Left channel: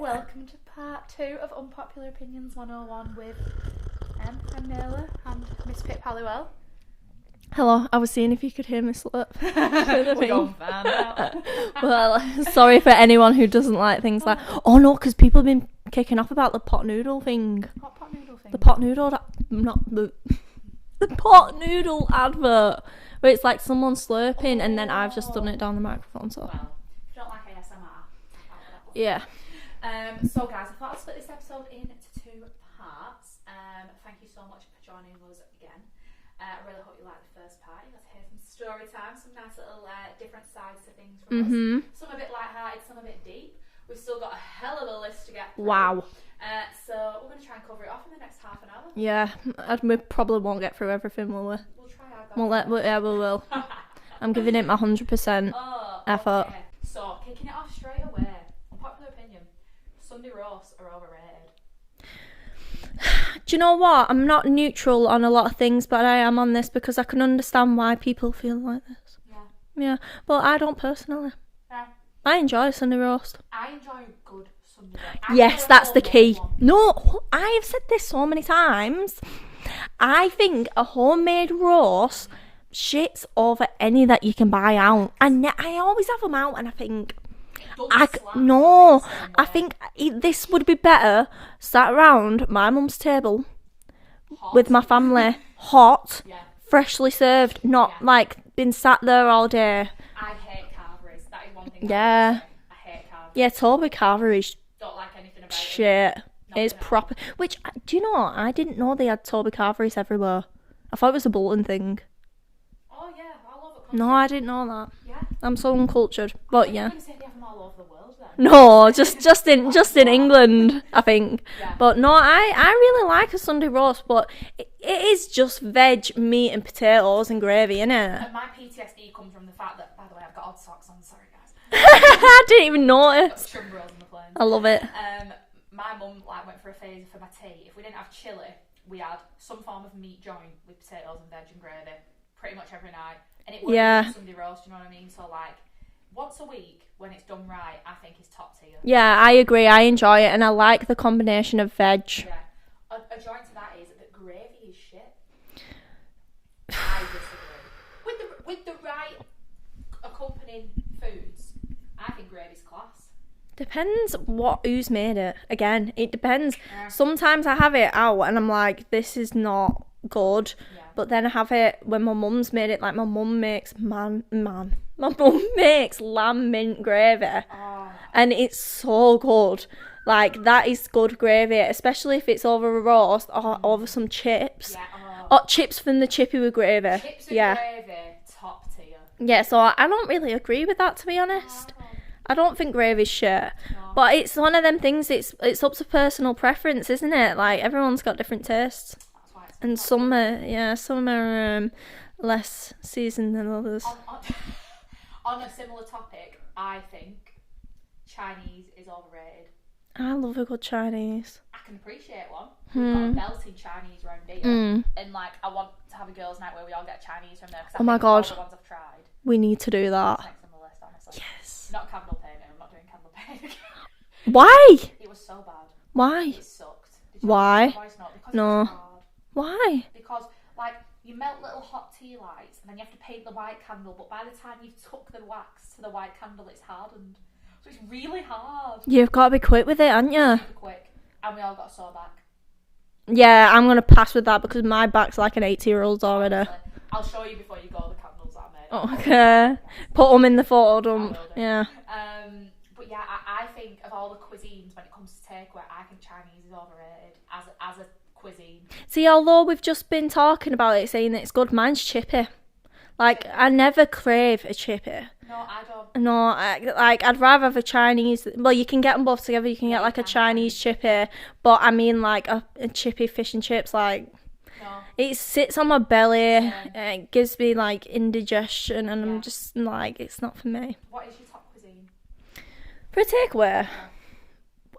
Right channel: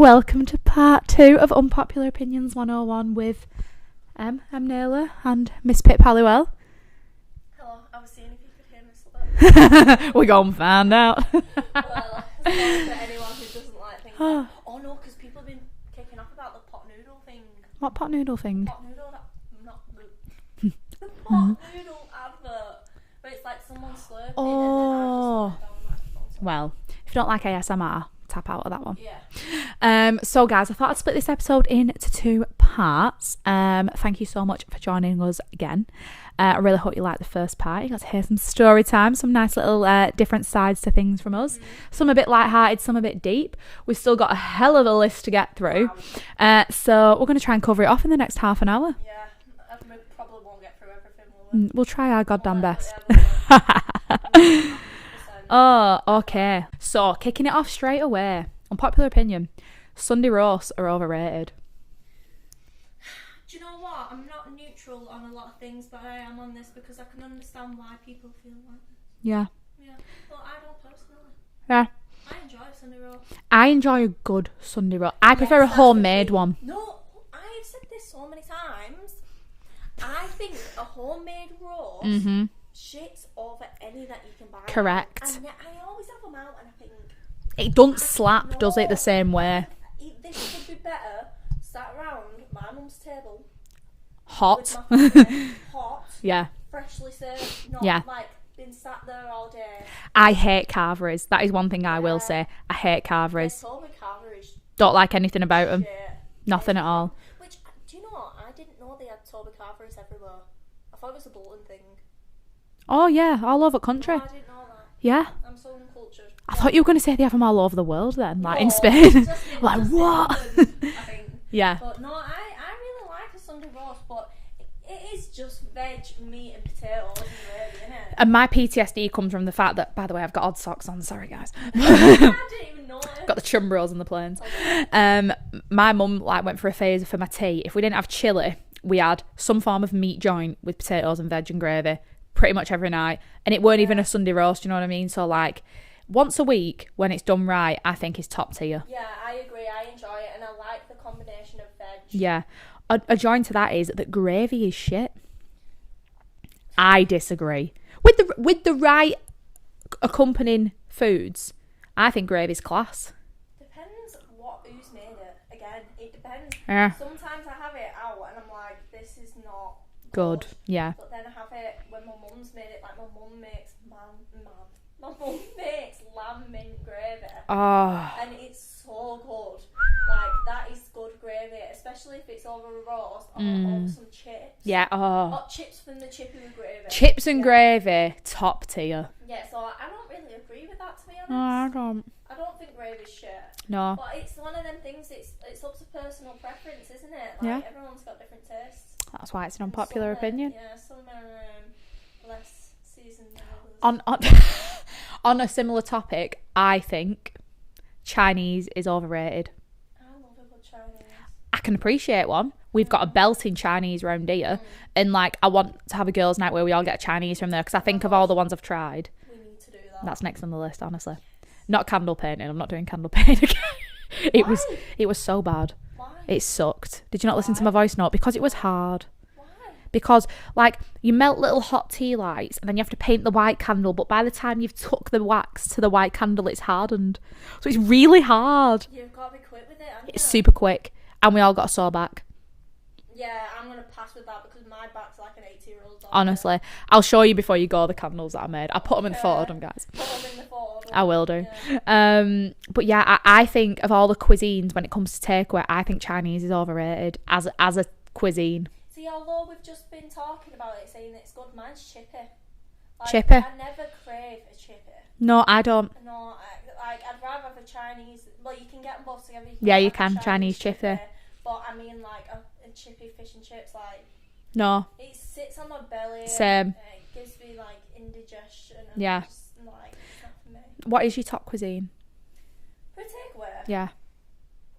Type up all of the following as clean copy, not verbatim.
welcome to part 2 of Unpopular Opinions 101 with I'm Naylor and Miss Pip Halliwell. Hello, I was seeing if you could hear me slip. We're going to find out. Well, sorry for anyone who doesn't like things like... Oh no, because people have been kicking off about the pot noodle thing. What pot noodle thing? The pot noodle... Not the... the pot noodle advert. Where it's like someone slurping and then I've just done it down the microphone. So. Well, if you don't like ASMR, tap out of that one. Yeah. So guys, I thought I'd split this episode into 2 parts. Thank you so much for joining us again. I really hope you liked the first part. You got to hear some story time, some nice little different sides to things from us. Some a bit lighthearted, some a bit deep. We've still got a hell of a list to get through. Wow. So we're going to try and cover it off in the next half an hour. Yeah, we probably won't get through everything, will we? We'll try our goddamn best. Yeah, we will. I'm giving it my 100%. Oh, effort. okay. So, kicking it off straight away. Unpopular opinion. Sunday roasts are overrated. Do you know what? I'm not neutral on a lot of things, but I am on this because I can understand why people feel like this. Yeah. Yeah, but I don't personally. Yeah. I enjoy Sunday roast. I enjoy a good Sunday roast. I Yes, prefer a that's the homemade key. one. No, I have said this so many times. I think a homemade roast shits over any that you can buy out. Correct. I always have them out and I think... It doesn't slap, no, does it, the same way? I think this would be better sat around my mum's table hot. with my family, hot, Yeah. freshly served, not like been sat there all day. I hate carveries. That is one thing I will say. I hate carveries. Yeah, Toby Carver is Don't like anything about them. shit. Nothing It's at all. Which, do you know, I didn't know they had Toby Carveries everywhere. I thought it was a Bolton thing. Oh, yeah, all over the country. No, I didn't know that. Yeah. I'm so uncultured. I thought you were going to say they have them all over the world then. No, In Spain. just in Like, just in what? England, I think. Yeah. But no, I really like a Sunday roast, but it is just veg, meat and potatoes and gravy, innit? And my PTSD comes from the fact that, by the way, I've got odd socks on. Sorry, guys. I didn't even notice. Got the chumbros on the planes. I love it. My mum went for a phase for my tea. If we didn't have chili, we had some form of meat joint with potatoes and veg and gravy pretty much every night. And it weren't even a Sunday roast, you know what I mean? So, like, once a week, when it's done right, I think is top tier. Yeah, I agree. I enjoy it, and I like the combination of veg. Yeah. A joint to that is that gravy is shit. I disagree. With the right accompanying foods, I think gravy's class. Depends who's made it. Again, it depends. Yeah. Sometimes I have it out, and I'm like, this is not good. Yeah. But then I have it when my mum's made it. Like, my mum makes my mum makes lamb mint gravy. Oh. And it's so good. Like, that is good gravy, especially if it's over a roast or over some chips. Yeah. Oh. Or chips from the chippy with gravy. Chips and gravy, top tier. Yeah, so I don't really agree with that, to be honest. I don't think gravy's shit. No. But it's one of them things, it's up to personal preference, isn't it? Like, everyone's got different tastes. That's why it's an And unpopular opinion. some are less seasoned than others. On a similar topic, I think Chinese is overrated. I love a good Chinese. I can appreciate one. We've got a belting Chinese round here. And, like, I want to have a girls' night where we all get Chinese from there because I think of all the ones I've tried. We need to do that. That's next on the list, honestly. Yes. Not candle painting. I'm not doing candle painting again. Why? It was so bad. Why? It sucked. Did you not listen to my voice note? Because it was hard. Why? Because, like, you melt little hot tea lights and then you have to paint the white candle, but by the time you've took the wax to the white candle, it's hardened. So it's really hard. You've got to be quick with it, haven't you? Super quick. And we all got a sore back. Yeah, I'm going to pass with that because my back's like an 80-year-old's already. Honestly. I'll show you before you go the candles that I made. I'll put them in the photo, guys. Put them in the photo. I will do. Yeah. But yeah, I think of all the cuisines when it comes to takeaway, I think Chinese is overrated as a cuisine. See, although we've just been talking about it, saying that it's good, mine's chippy. Like, Chippy? I never crave a chippy. No, I don't. No, I'd rather have a Chinese. Well, you can get them both together. You can get like a Chinese chippy. But I mean, like a chippy fish and chips. Like, no, it sits on my belly. Same. It gives me like indigestion, and Yeah. I'm just like, it's not for me. What is your top cuisine? For a takeaway, Yeah.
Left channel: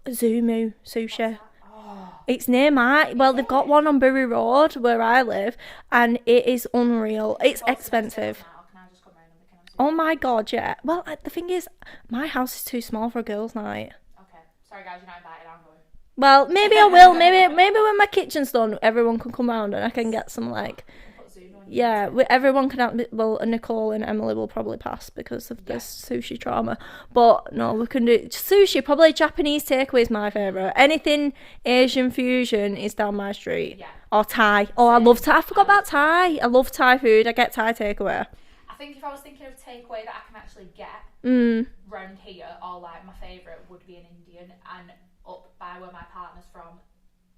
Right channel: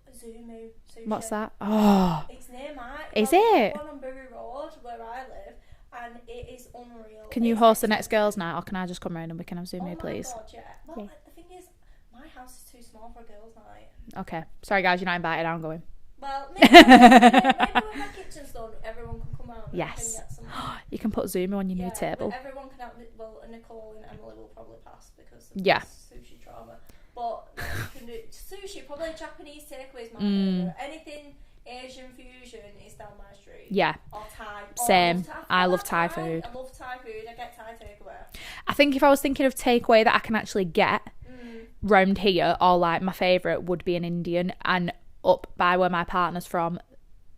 Zumu sushi. What's that? Oh, It's near my... Well, they've got it? one on Bury Road where I live, and it is unreal. can you It's host the expensive. next girls' night, or can I just come round and we can have Zoom? Oh my please? God, yeah. Well, the thing is, my house is too small for a girls' night. Okay, sorry guys, you're not invited. I'm going. Well, maybe I will. Maybe when my kitchen's done, everyone can come round and I can Yes. get some like... You can put Zoom on your Yeah, table. everyone can have... Well, Nicole and Emily will probably pass because of Yeah. this sushi trauma. But no, we can do sushi. Probably Japanese takeaway is my favourite. Anything Asian fusion is down my street. Yeah. Or Thai. Oh, I Same. love Thai. I forgot I love about Thai Thai. food. I love Thai food. I get Thai takeaway. I think if I was thinking of takeaway that I can actually get round here, or like my favourite would be an Indian, and up by where my partner's from,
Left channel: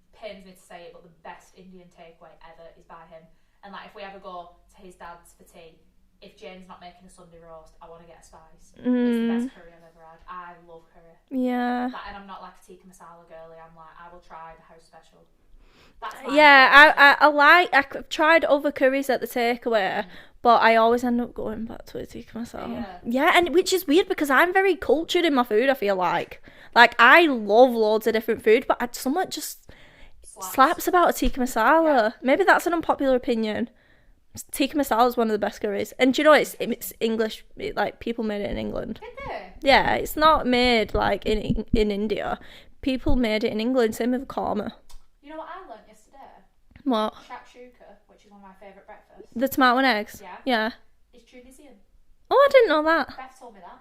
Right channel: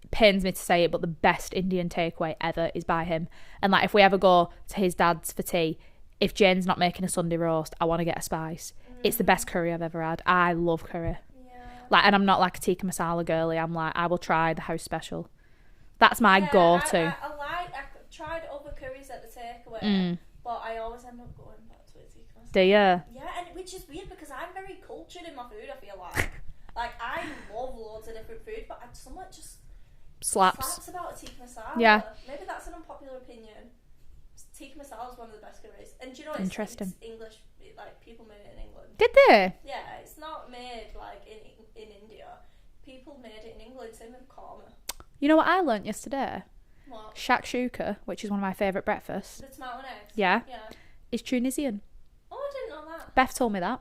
pains me to say it, but the best Indian takeaway ever is by him. And like if we ever go to his dad's for tea, if Jane's not making a Sunday roast, I want to get a spice. It's the best curry I've ever had. I love curry. Yeah. Like, and I'm not like a tikka masala girly. I'm like, I will try the house special. That's my Yeah, go-to. I've tried other curries at the takeaway, but I always end up going back to a tikka masala. Do you? Yeah, and which is weird because I'm very cultured in my food, I feel like. Like, I love loads of different food, but something just slaps about a tikka masala. Yeah. Maybe that's an unpopular opinion. Tikka masala is one of the best curries. And do you know, it's Interesting. English, like, people made it in England. Did they? Yeah, it's not made, like, in India. People made it in England, same with korma. You know what I learnt yesterday? What? Shakshuka, which is one of my favourite breakfasts, The tomato and eggs? Yeah. Yeah. is Tunisian. Oh, I didn't know that. Beth told me that.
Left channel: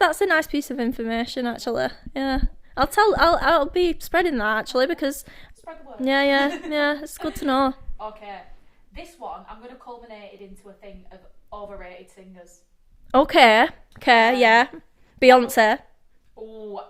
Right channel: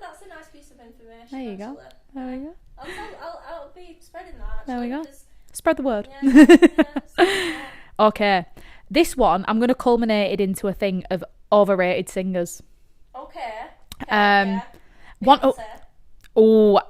That's a nice piece of information, There you go. actually. Yeah. I'll be spreading that actually There you go. because Spread the word. yeah, it's good to know. Okay. This one, I'm going to culminate it into a thing of overrated singers. Okay, yeah. what- Beyonce. Oh,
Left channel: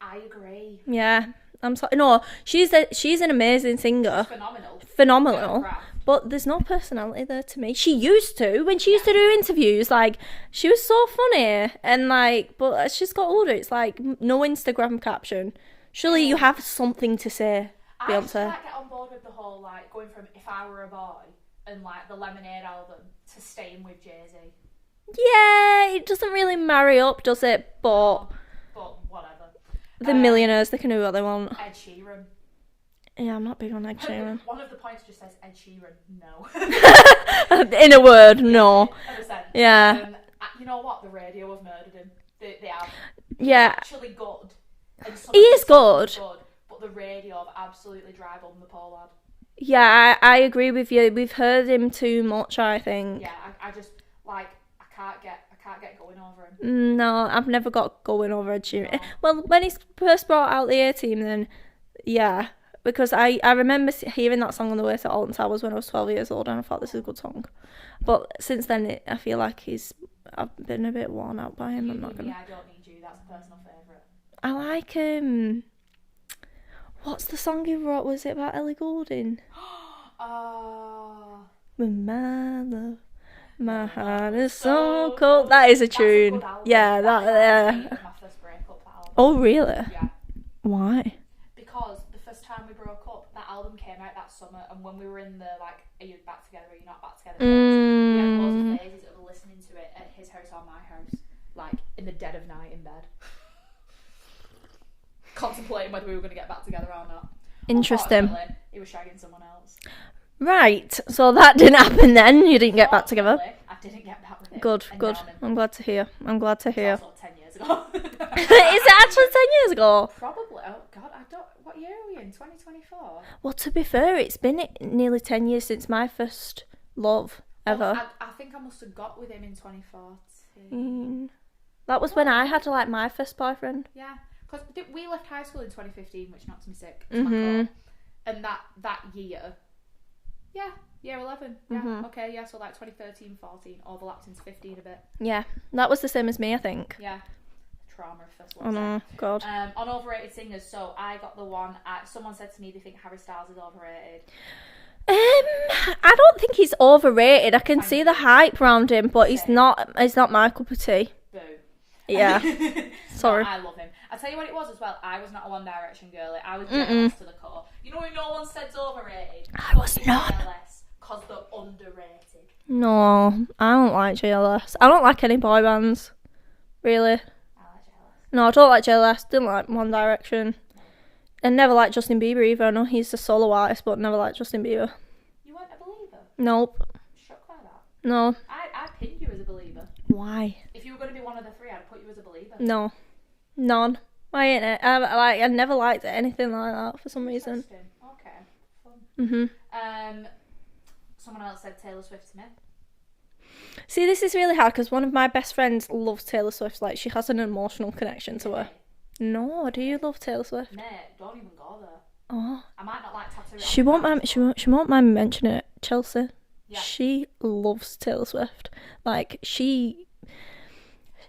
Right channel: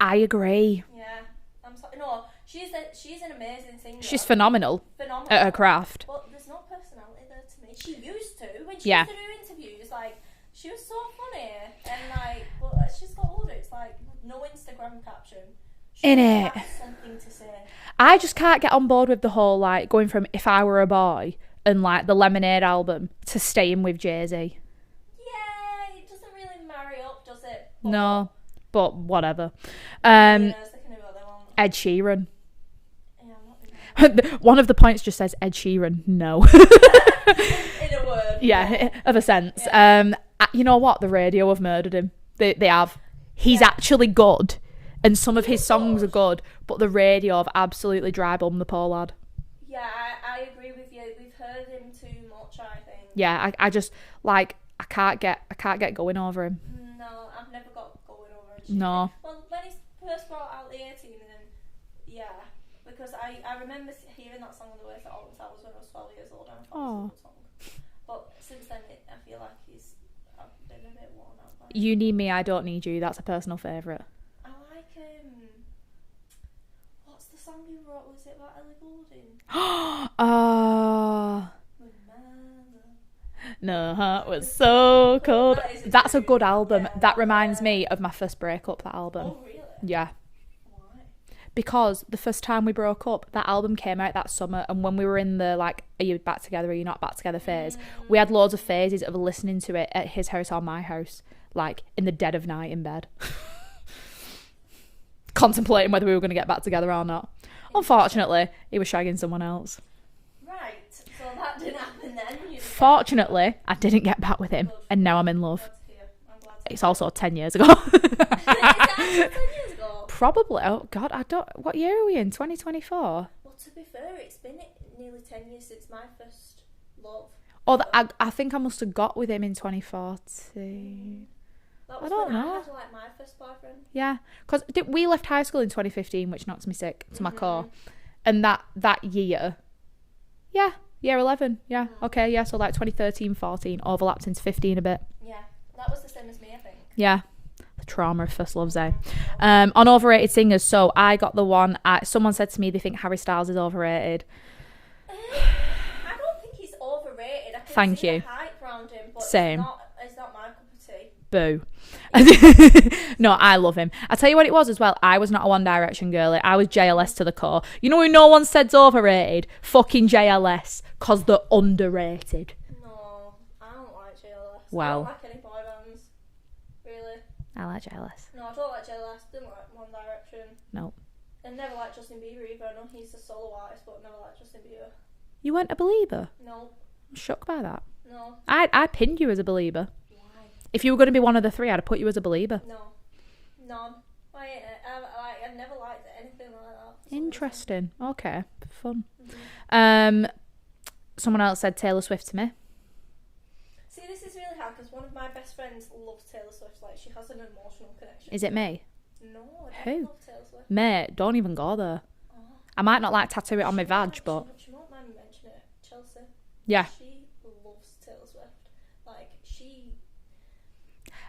I agree. Yeah. I'm sorry. No, she's an amazing singer. She's phenomenal phenomenal at her craft. But there's no personality there to me. She used to when she Yeah. used to do interviews. Like she was so funny and like, but as she's got older, it's like no Instagram caption. Surely you Innit? have something to say. I just Beyonce. can't get on board with the whole like going from If I Were a Boy and like the Lemonade album to staying with Jay-Z. Yeah, it doesn't really marry up, does it? But No, but whatever. the millionaires, they can do what they want. Ed Sheeran. Yeah, I'm not big on that. One of the points just says Ed Sheeran. No. In a word, Yeah, no. of a sense. Yeah. You know what? The radio have murdered him. They have. He's Yeah. actually good, and some of He his is songs good. are good. But the radio have absolutely dry bummed the poor lad. Yeah, I agree with you. We've heard him too much, I think. Yeah, I just like I can't get going over him. No, I've never got going over Ed Sheeran. No. Well, when he first brought out the A-Team, then yeah, because I remember hearing that song on the way to Alton Towers when I was 12 years old, and I thought this is a good song. But since then, I feel like I've been a bit worn out by him. You I'm Need not Me, gonna- I Don't Need You. That's a personal favourite. I like what's the song he wrote? Was it about Ellie Goulding? Oh, My love. my heart is so cold. That is a tune. That's a good album. Yeah, that reminds yeah. me of my first breakup. That album. Oh, really? Yeah. Why? Because the first time we broke up, that album came out that summer, and when we were in the like, are you back together, are you not back together phase, we had loads of phases of listening to it at his house or my house, like in the dead of night in bed, contemplating whether we were going to get back together or not. Interesting. Unfortunately, he was shagging someone else. Right. So that didn't happen then. You didn't get back together. Fortunately, I didn't get back with him. Good. And good. now I'm in I'm love. glad to hear. It's also 10 years ago. Is it actually 10 years ago? Probably. Oh God, what year are we in? 2024. Well, to be fair, it's been nearly 10 years since my first love. Oh, ever. I think I must have got with him in 2014. That was I when don't I know. had like my first boyfriend. Yeah, because we left high school in 2015, which knocks me sick to my Mm-hmm. core. And that year, year 11, Mm-hmm. okay, yeah, so like 2013, 14, overlapped into 15 a bit. Yeah, that was the same as me, I think. Yeah, the trauma of first loves, eh? God. On overrated singers, so I got the one, someone said to me they think Harry Styles is overrated. I don't think he's overrated. I can Thank see the you. hype around him, but Same. It's not my cup of tea. Boo. Yeah. No, Sorry. I love him. I tell you what it was as well. I was not a One Direction girly. I was JLS to the core. You know who no one said's overrated? Fucking JLS, because they're underrated. No, I don't like JLS. I Wow. don't like any boy bands. Really. I like Jealous. No, I don't like Jealous. Didn't like One Direction. No. And never liked Justin Bieber either. I know he's a solo artist, but never liked Justin Bieber. You weren't a believer? Nope. I'm shocked by that. No. I'd pinned you as a believer. Why? If you were going to be one of the three, I'd have put you as a believer. No. None. I ain't it. I never liked anything like that for some reason. Interesting. Okay. Fun. Mm-hmm. Someone else said Taylor Swift to me. See, this is really hard because one of my best friends loves Taylor Swift. Like, she has an emotional connection to her. Is it me? No, do you love Taylor Swift? Mate, don't even go there. Oh. I might not like tattoo it on my badge, she won't mind me mentioning it. Chelsea. Yeah. She loves Taylor Swift. Like, I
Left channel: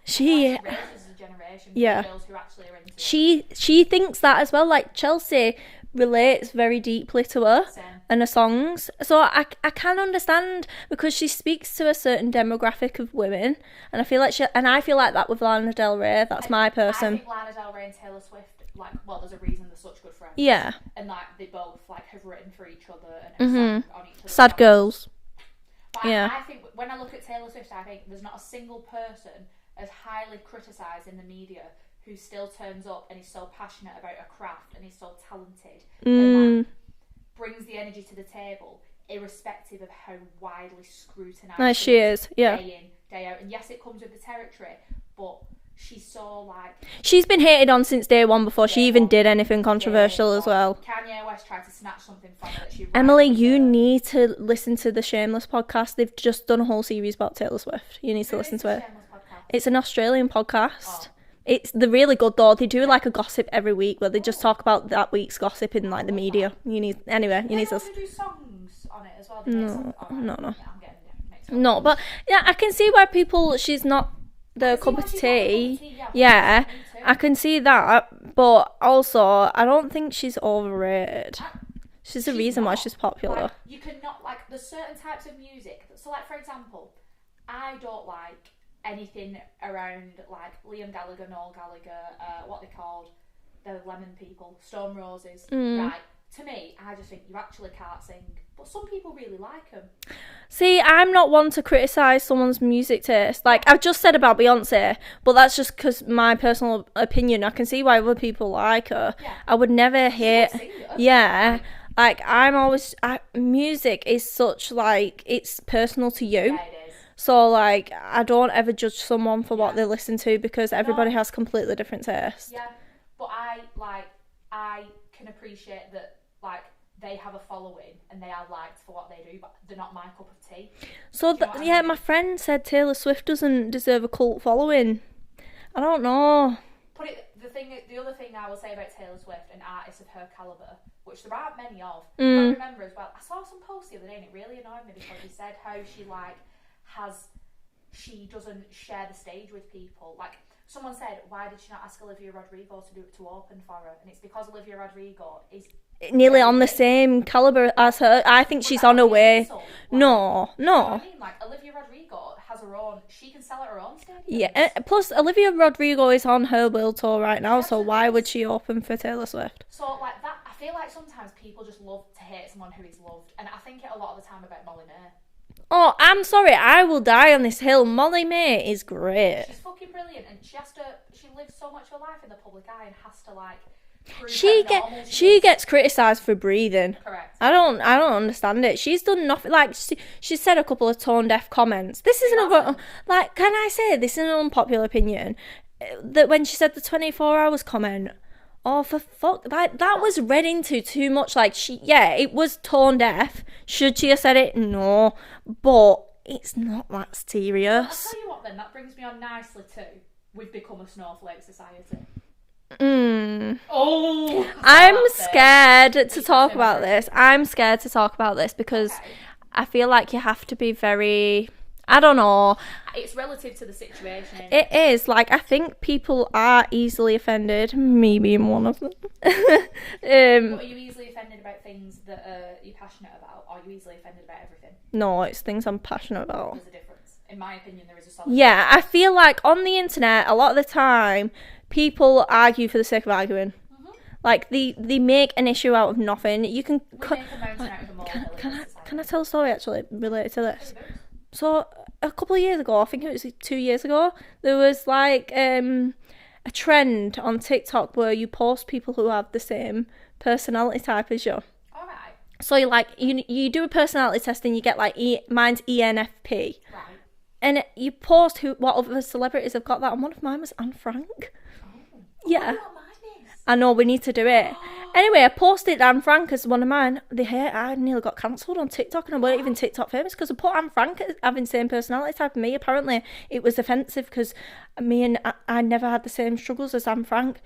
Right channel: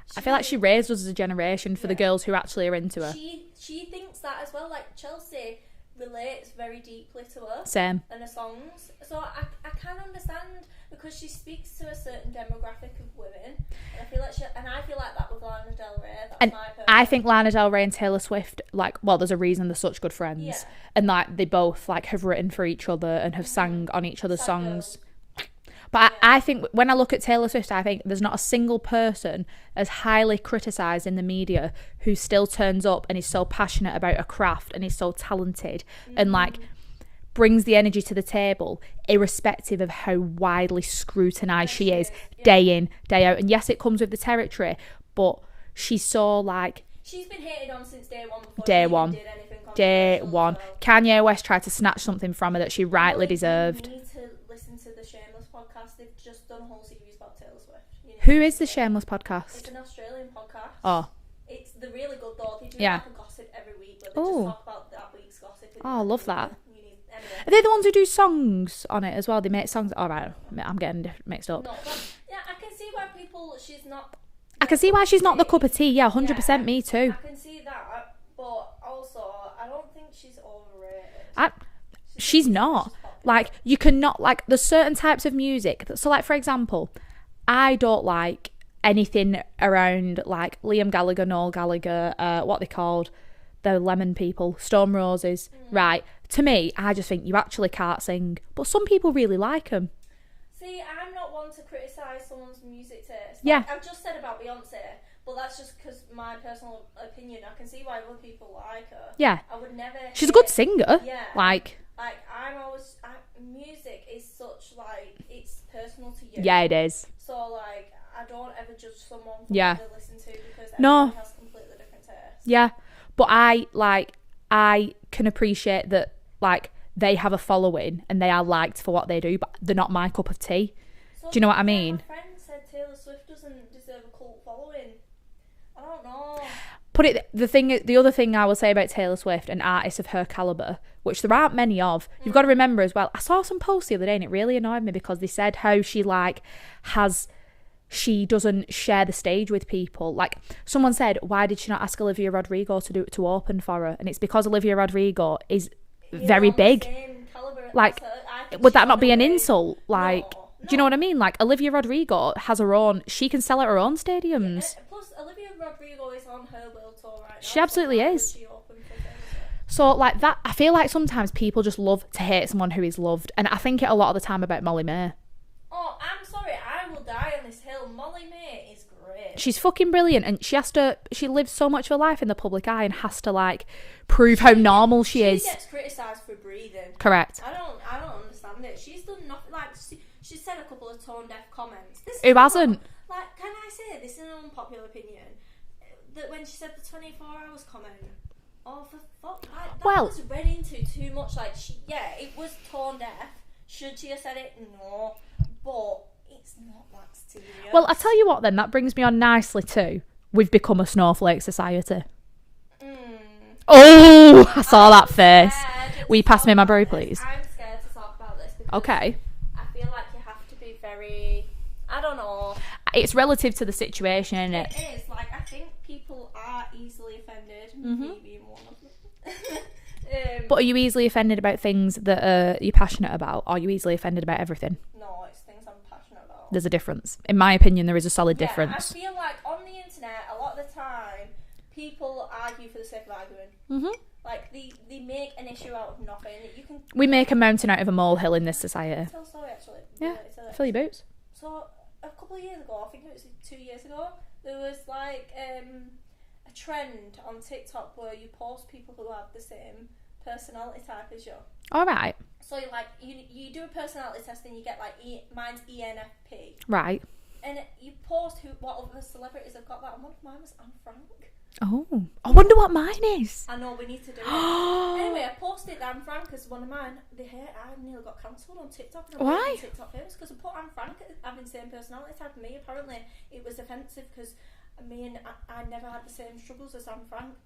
feel like she raised us as a generation for the girls who actually are into her. She thinks that as well. Like, Chelsea relates very deeply to her. Same. And her songs. So I can understand, because she speaks to a certain demographic of women, and I feel like that with Lana Del Rey. That's my person. I think Lana Del Rey and Taylor Swift, like, well, there's a reason they're such good friends. Yeah. And like they both like have written for each other and have sang on each other's Sad songs. girls. But I think when I look at Taylor Swift, I think there's not a single person as highly criticised in the media who still turns up and is so passionate about a craft and is so talented and like brings the energy to the table, irrespective of how widely scrutinised she is day in, day out. And yes, it comes with the territory, but she's so like... She's been hated on since day one before she even did anything controversial as well. Kanye West tried to snatch something from her that she rightly deserved. Emily, you need to listen to the Shameless podcast. They've just done a whole series about Taylor Swift. You need to listen to it. Who is the Shameless podcast? It's an Australian podcast. Oh. They're really good though. They do like a gossip every week where they just talk about that week's gossip in like the media. That. They're the ones who do songs on it as well. They make songs. All right. No. I'm getting mixed up. No, but yeah, I can see why she's not... I can see why she's not the cup of tea. Yeah, 100%. Me too. I can see that, but also I don't think she's overrated. She's not. Why she's popular. Like, you cannot, like, there's certain types of music. So, like, for example, I don't like anything around like Liam Gallagher, Noel Gallagher, what they called, the Lemon people, Stone Roses. Right. To me, I just think you actually can't sing, but some people really like them. See, I'm not one to criticise someone's music taste. Like, I've just said about Beyonce, but that's just because my personal opinion. I can see why other people like her. Yeah. I would never hate... She's a good singer. Yeah. Like I'm always... music is such, like, it's personal to you. Yeah, it is. So, like, I don't ever judge someone for what they listen to because everybody has completely different tastes. Yeah. But I can appreciate that, like... they have a following and they are liked for what they do, but they're not my cup of tea. So do you know what I mean? Yeah, my friend said Taylor Swift doesn't deserve a cult following. I don't know. The other thing I will say about Taylor Swift and artists of her calibre, which there aren't many of, you've got to remember as well, I saw some posts the other day and it really annoyed me because they said how she she doesn't share the stage with people. Like, someone said, why did she not ask Olivia Rodrigo to open for her? And it's because Olivia Rodrigo is nearly very on big. The same calibre as her. I think would she's that on not her be way. An insult? Like, no. Do you know what I mean? Like, Olivia Rodrigo has her own... She can sell at her own stadiums. Yeah. Plus, Olivia Rodrigo is on her world tour right now, so why would she open for Taylor Swift? So, like, that... I feel like sometimes people just love to hate someone who is loved, and I think it a lot of the time about Molly May. Oh, I'm sorry, I will die on this hill. Molly May is great. She's fucking brilliant, and she lives so much of her life in the public eye and has to, like, prove how normal she is. She gets criticised for breathing. Correct. I don't understand it. She's done nothing. Like, she said a couple of tone deaf comments. This is like, can I say this is an unpopular opinion? That when she said the 24 hours comment, oh, for fuck, like, that was read into too much. Like, it was tone deaf. Should she have said it? No. But it's not that serious. Well, I'll tell you what then, that brings me on nicely too. We've become a snowflake society. Oh, I saw that scared Will you pass me my brew, please? I'm scared to talk about this because I feel like you have to be very... I don't know. It's relative to the situation. It is. Like, I think people are easily offended. Me being one of them. But are you easily offended about things that you're passionate about? Or are you easily offended about everything? No, it's things I'm passionate about. There's a difference. In my opinion, there is a solid difference. Yeah, I feel like on the internet, a lot of the time, people argue for the sake of arguing. Mm-hmm. Like, they make an issue out of nothing. We make a mountain out of a molehill in this society. Can I tell a story, actually, related to this? Fill your boots. So, a couple of years ago, I think it was 2 years ago, there was, like, a trend on TikTok where you post people who have the same personality type as you. All right. So you do a personality test and you get like mine's ENFP. Right. And you post what other celebrities have got that, and one of mine was Anne Frank. Oh. I Yeah. wonder what mine is. I know, we need to do it. Anyway, I posted Anne Frank as one of mine. I nearly got cancelled on TikTok, and I weren't even TikTok famous because I put Anne Frank as having the same personality type as me. Apparently, it was offensive because I never had the same struggles as Anne Frank.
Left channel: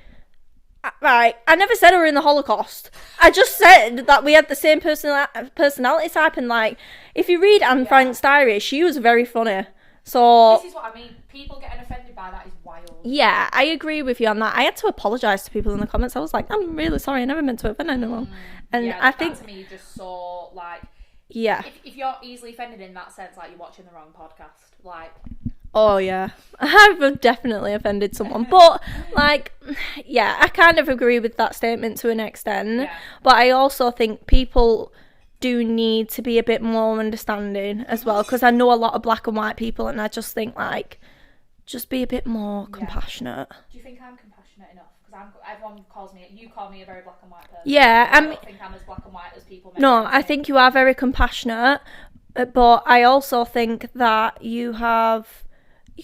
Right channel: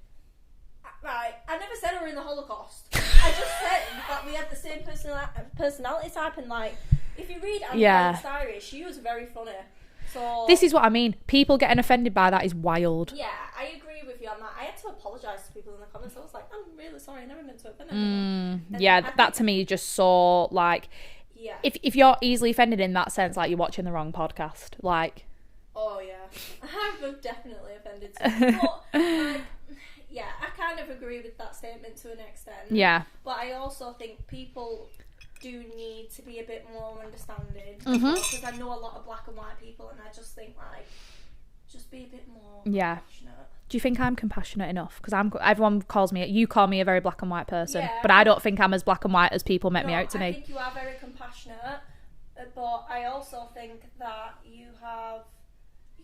Right, I never said I were in the Holocaust. I just said that we had the same personality type, and like, if you read Anne Frank's diary, she was very funny. So this is what I mean. People getting offended by that is wild. Yeah, I agree with you on that. I had to apologise to people in the comments. I was like, I'm really sorry. I never meant to offend anyone. And yeah, I that think, to me just so like, yeah. If you're easily offended in that sense, like you're watching the wrong podcast. Like, oh yeah, I've definitely offended someone. But like, yeah, I kind of agree with that statement to an extent. Yeah. But I also think people do need to be a bit more understanding as well, because I know a lot of black and white people, and I just think like, just be a bit more compassionate. Do you think I'm compassionate enough? Because everyone you call me a very black and white person. Yeah, but I don't think I'm as black and white as people make me out to I me. think you are very compassionate, but I also think that you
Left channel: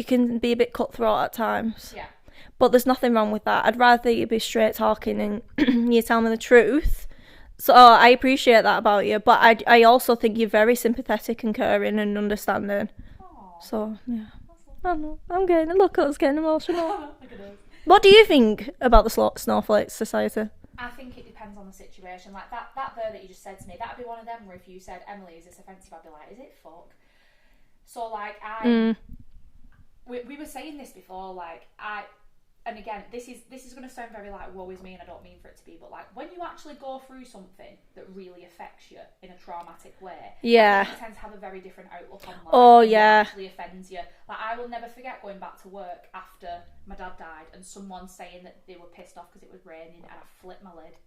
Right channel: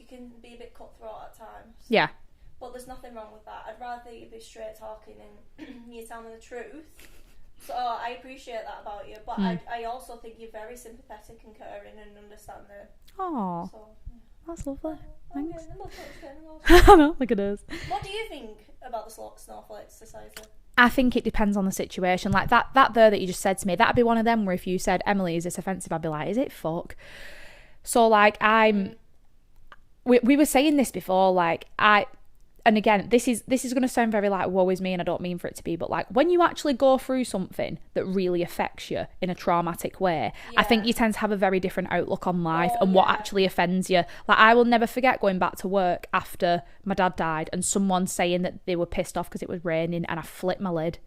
can be a bit cutthroat at times. Yeah. But there's nothing wrong with that. I'd rather you be straight talking and you tell me the truth. So I appreciate that about you, but I also think you're very sympathetic and caring and understanding. Oh, so yeah, that's lovely. I'm getting look at us getting emotional. Look at us. What do you think about the snowflake society? I think it depends on the situation. Like that there that you just said to me, that'd be one of them where if you said, Emily, is this offensive? I'd be like, is it fuck? So like we were saying this before, like and again, this is going to sound very like woe is me, and I don't mean for it to be, but like when you actually go through something that really affects you in a traumatic way, I think you tend to have a very different outlook on life and what actually offends you. Like I will never forget going back to work after my dad died and someone saying that they were pissed off because it was raining, and I flipped my lid.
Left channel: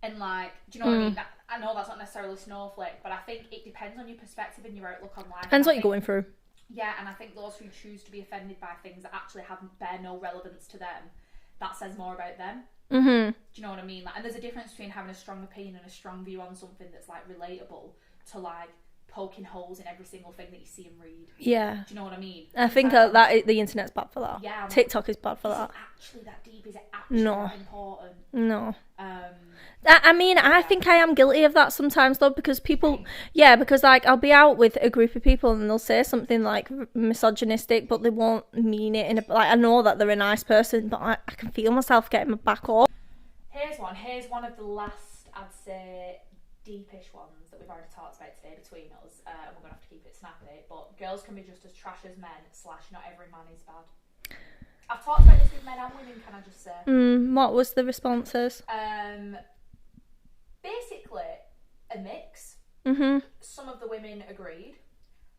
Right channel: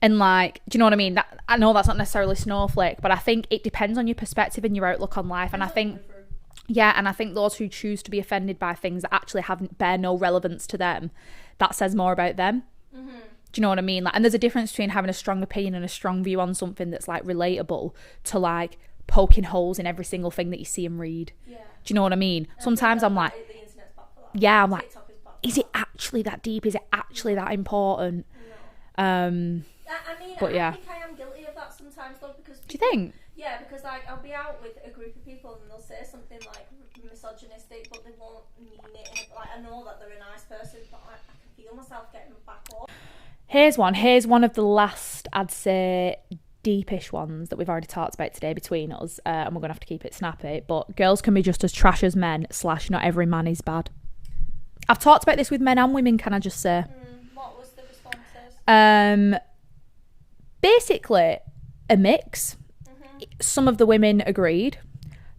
And like, do you know what I mean? That, I know that's not necessarily snowflake, but I think it depends on your perspective and your outlook on life. Depends and I what think, you're going through. Yeah, and I think those who choose to be offended by things that actually bear no relevance to them, that says more about them. Mm-hmm. Do you know what I mean? Like, and there's a difference between having a strong opinion and a strong view on something that's like relatable to like poking holes in every single thing that you see and read. Yeah. Do you know what I mean? Sometimes I'm like, the internet's bad for that. Yeah, I'm TikTok is bad for that. Is it actually that deep? Is it actually that important? No. I think I am guilty of that sometimes though, because people, because like I'll be out with a group of people and they'll say something like misogynistic, but they won't mean it in a, like, I know that they're a nice person, but I can feel myself getting my back up. Here's one of the last, I'd say, deepish ones that we've already talked about today between us, and we're gonna have to keep it snappy, but girls can be just as trash as men / not every man is bad. I've talked about this with men and women, can I just say? What was the responses? Basically a mix. Some of the women agreed,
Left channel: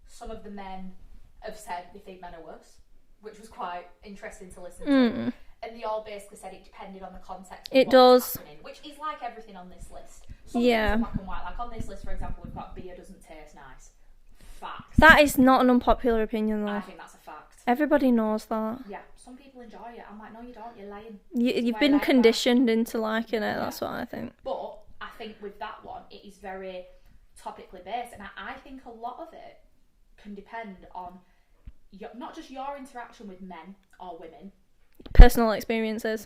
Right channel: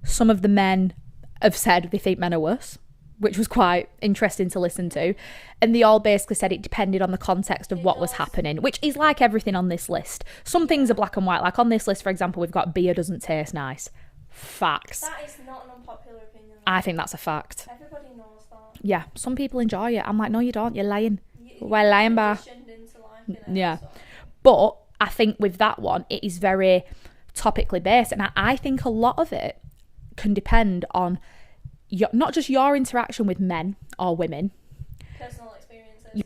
some of the men have said they think men are worse, which was quite interesting to listen to. And they all basically said it depended on the context of what was happening, which is like everything on this list. Some things are black and white. Like on this list, for example, we've got beer doesn't taste nice. Facts. That is not an unpopular opinion though. I think that's a fact. Everybody knows that. Yeah, some people enjoy it. I'm like, no you don't, you're lying. You've been conditioned into liking it. That's what I think. But I think with that one, it is very topically based, and I think a lot of it can depend on not just your interaction with men or women, personal experiences,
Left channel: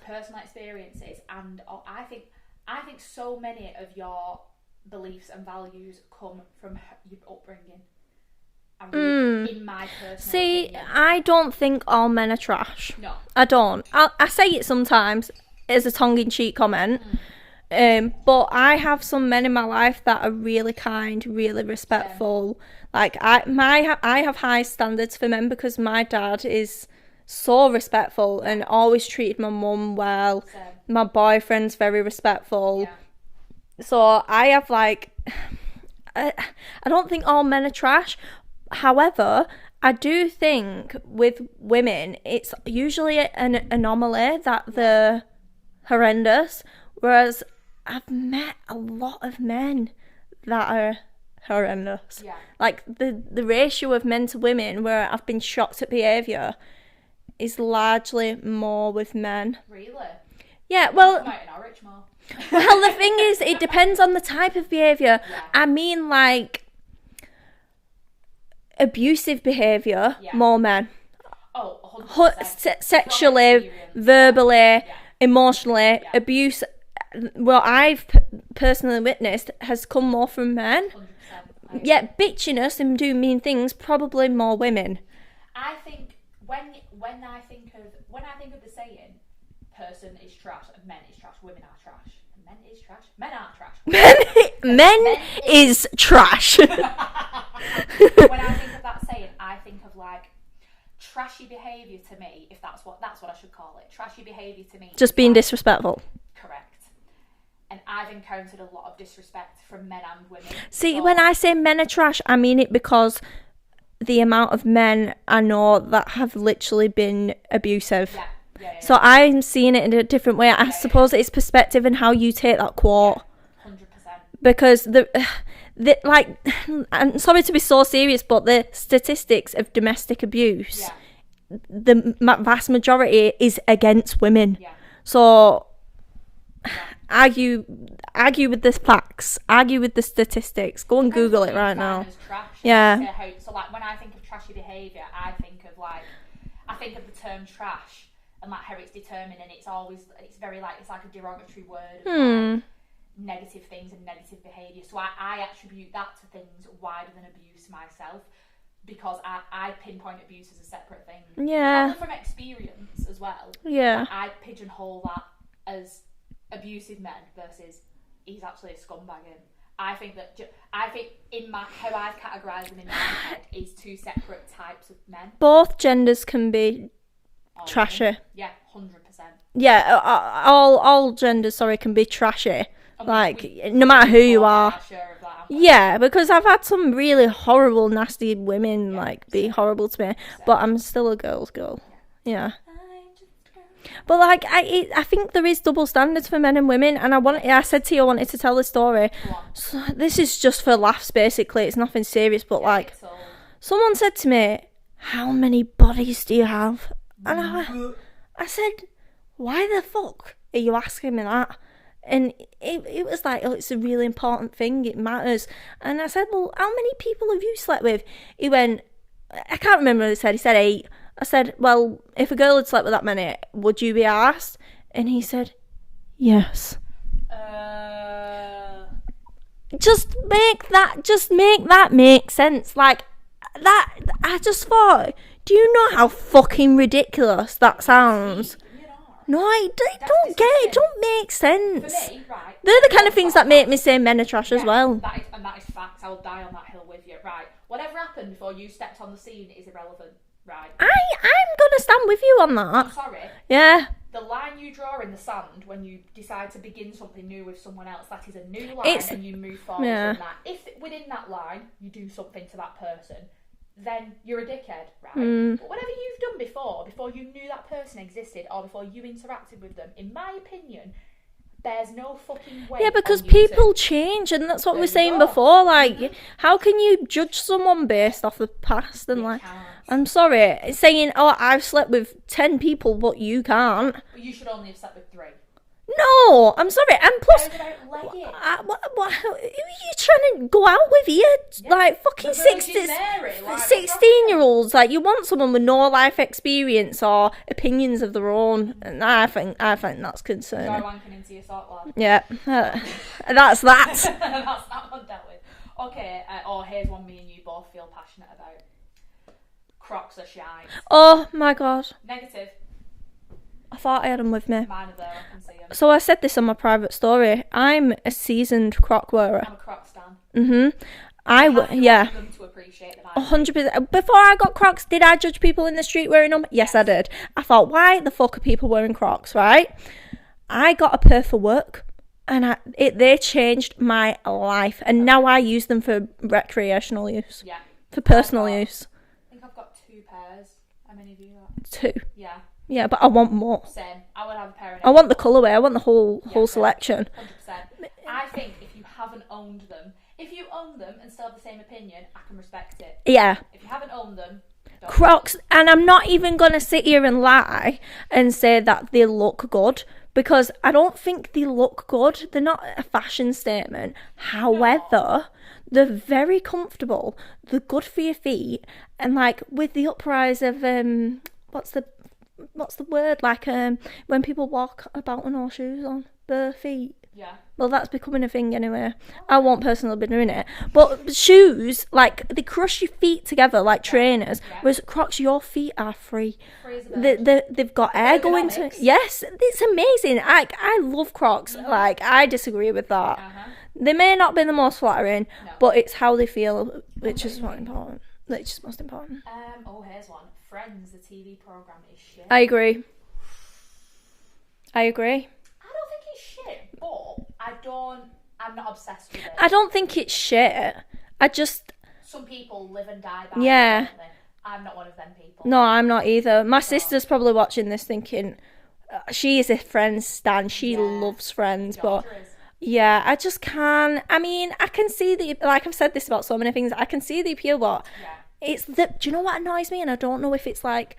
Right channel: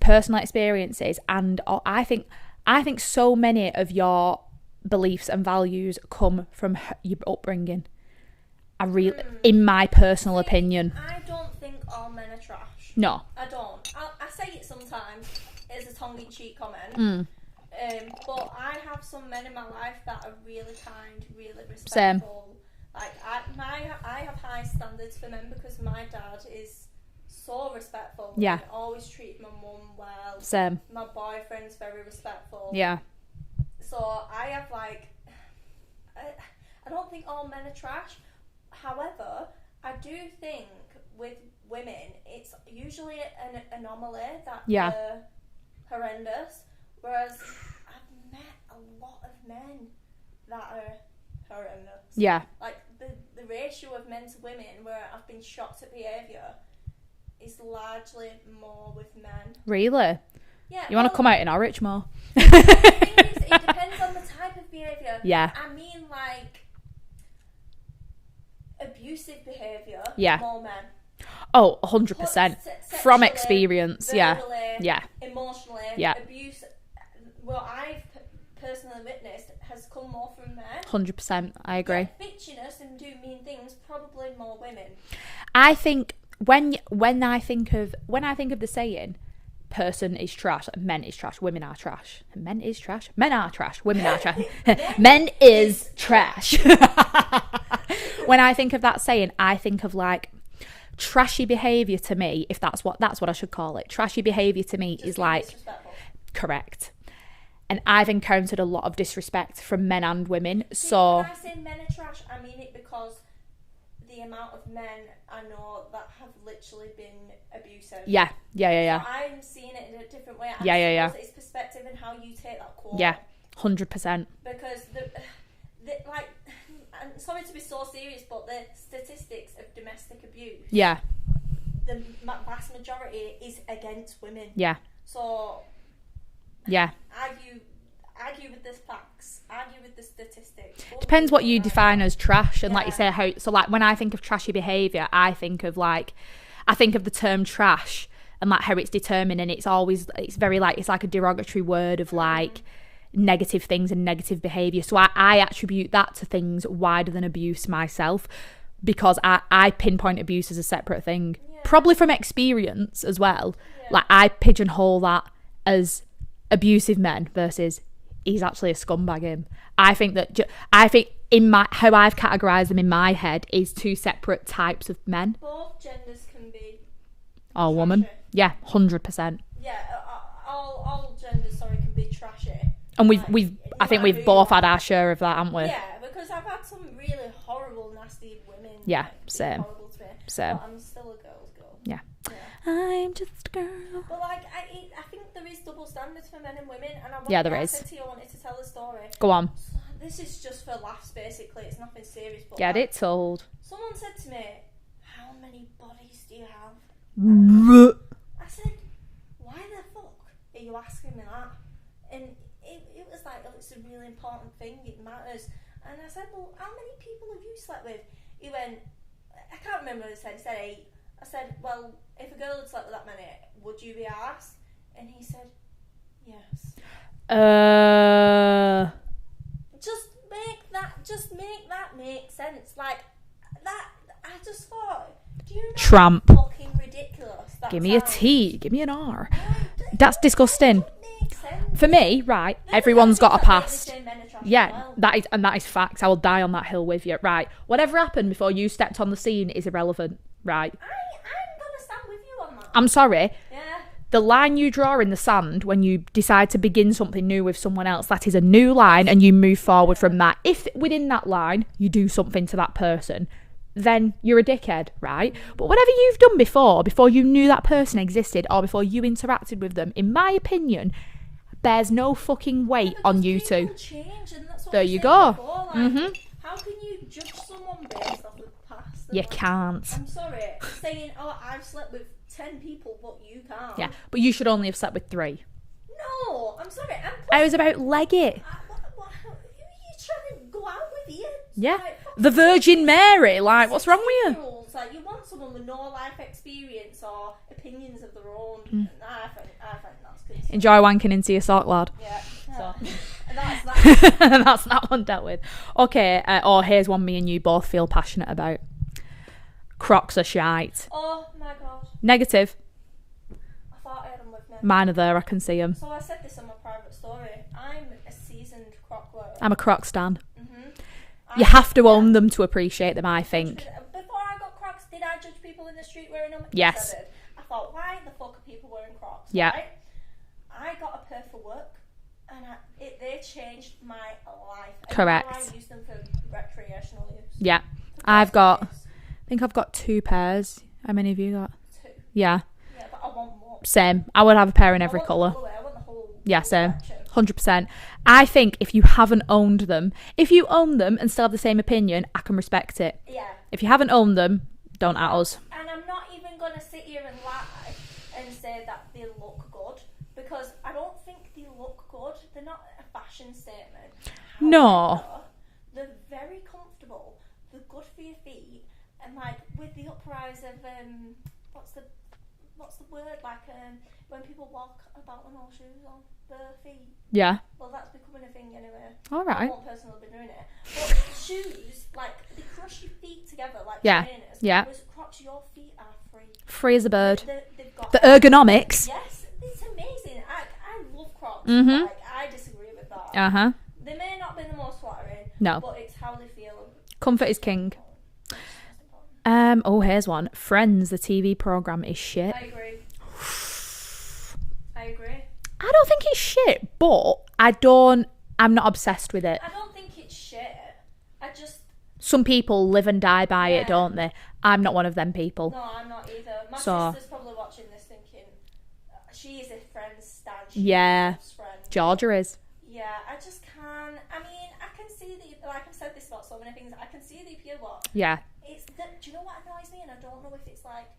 and I think so many of your beliefs and values come from your upbringing. In my personal opinion, I don't think all men are trash. No, I don't. I say it sometimes as a tongue-in-cheek comment. But I have some men in my life that are really kind, really respectful. Same. Like I have high standards for men because my dad is so respectful and always treated my mum well. Same. My boyfriend's very respectful. Yeah. So I have like, I don't think all men are trash. However, I do think with women, it's usually an anomaly that they're horrendous. Whereas I've met a lot of men that are horrendous. Yeah. Like the ratio of men to women where I've been shocked at behaviour is largely more with men. Really? Yeah, You want to come out in Norwich more? Well, the thing is, it depends on the type of behaviour. Yeah. I mean, like, abusive behaviour, more men. Oh, 100%. Sexually, from experience, verbally, emotionally, abuse. What I've personally witnessed has come more from men. 100%. I agree. Yeah, bitchiness and doing mean things, probably more women. I think when I think of the saying, person is trash, men is trash, women are trash. Men is trash, men are trash, women are trash. men is trash. When I think of that saying, I think of like trashy behaviour to me, if that's what I should call it. Trashy behaviour to me just is being like, disrespectful. Correct. And I've encountered a lot of disrespect from men and women. See, when I say men are trash, I mean it because the amount of men I know that have literally been abusive. Yeah. So I'm seeing it in a different way. I suppose it's perspective and how you take that quote. Yeah, 100%. Because the like, I'm sorry to be so serious, but the statistics of domestic abuse, the vast majority is against women. Yeah. So, yeah, argue with the facts, argue with the statistics. Go and depends Google what you right define now. as trash. And like you say, so like when I think of trashy behaviour, I think of the term trash and like how it's determined, and it's very like, it's like a derogatory word of like negative things and negative behaviour. So I attribute that to things wider than abuse myself, because I pinpoint abuse as a separate thing. Yeah. Probably from experience as well. Yeah. Like I pigeonhole that as abusive men versus he's actually a scumbag him. I think in my how I've categorised them in my head is two separate types of men. Both genders can be trashy. Woman. Yeah, 100%. Yeah, all genders, can be trashy. And like, no matter who you are, had our share of that, haven't we? Yeah, because I've had some really horrible, nasty women being horrible to me. Same. But I'm still a girl's girl. Yeah. Yeah. I'm just a girl. But like, I think there is double standards for men and women, and I said to you I wanted to tell the story. Go on. So this is just for laughs, basically. It's nothing serious, but Get it told. Someone said to me, "How many bodies do you have?" And I said, "Why the fuck are you asking me that?" And it was like, "Oh, it's a really important thing. It matters." And I said, "Well, how many people have you slept with?" He went, I can't remember what he said. He said 8. I said, "Well, if a girl had slept with that many, would you be arsed?" And he said, "Yes." Just make that make sense. Like that, I just thought, do you know how fucking ridiculous that sounds? Give me a T. Give me an R. No, that's disgusting. It don't make sense. For me, right. They're the kind of things that make me say men are trash as well. That is fact. I will die on that hill with you. Right. Whatever happened before you stepped on the scene is irrelevant. Right. I'm gonna stand with you on that. I'm sorry. Yeah. The line you draw in the sand when you decide to begin something new with someone else, that is a new line, and you move forward from that. If within that line you do something to that person, then you're a dickhead, right? But whatever you've done before you knew that person existed, or before you interacted with them, in my opinion, bears no fucking weight on you. Yeah, because people change, and that's what we were saying before. Like, how can you judge someone based off the past? And you can't. I'm sorry, saying, "Oh, I've slept with 10 people, but you can't." Yeah, but you should only have slept with 3. No, I'm sorry. And plus, I was about leg it. Who are you trying to go out with here? Yeah. Like fucking the Virgin Mary. Like 16-year-olds. Like, you want someone with no life experience or opinions of their own. And I think that's concerning. Enjoy wanking into your sock, lad. Yeah, that's that. That's that one dealt with. Okay. Here's one me and you both feel passionate about. Crocs are shite. Oh my god. Negative. I thought I had them with me. Mine are there, I can see them. So I said this on my private story. I'm a seasoned Croc wearer. I'm a Croc stan. You have to own them to appreciate them, I think. 100%. Before I got Crocs, did I judge people in the street wearing them? Yes, I did. I thought, why the fuck are people wearing Crocs, right? I got a pair for work, and they changed my life. And now I use them for recreational use. Yeah. For personal use. I think I've got 2 pairs. How many have you got? 2. Yeah. Yeah, but I want more. Same. I would have a pair in every I want colour. the colourway. I want the whole selection. 100%. I think if you haven't owned them, if you own them and still have the same opinion, I can respect it. Yeah. If you haven't owned them, don't Crocs, have us. and I'm not even going to sit here and lie and say that they look good, because I don't think they look good. They're not a fashion statement. However, they're very comfortable. They're good for your feet. And like with the uprise of what's the word, like when people walk about with no shoes on their feet. Yeah. Well, that's becoming a thing anyway. All I right. won't personally be doing it. But shoes, like, they crush your feet together like trainers. Yeah. Whereas Crocs, your feet are free. Free as a bird. They've got The air going ergonomics. yes, it's amazing. I love Crocs. Like, I disagree with that. Uh-huh. They may not be the most flattering, No. but it's how they feel. Comfort which is king. important. Which is most important. Oh, here's one. Friends, the TV program, is shit. I agree. I don't think it's shit, but I'm not obsessed with it. I don't think it's shit. Some people live and die by it, don't they? I'm not one of them people. No, I'm not either. My So- sister's probably watching this thinking, she is a Friends stan. She loves Friends. Georgia is. Yeah, I just can't. I mean, I can see like I've said this about so many things, I can see the appeal, but Yeah. it's do you know what annoys me? And I don't know if it's like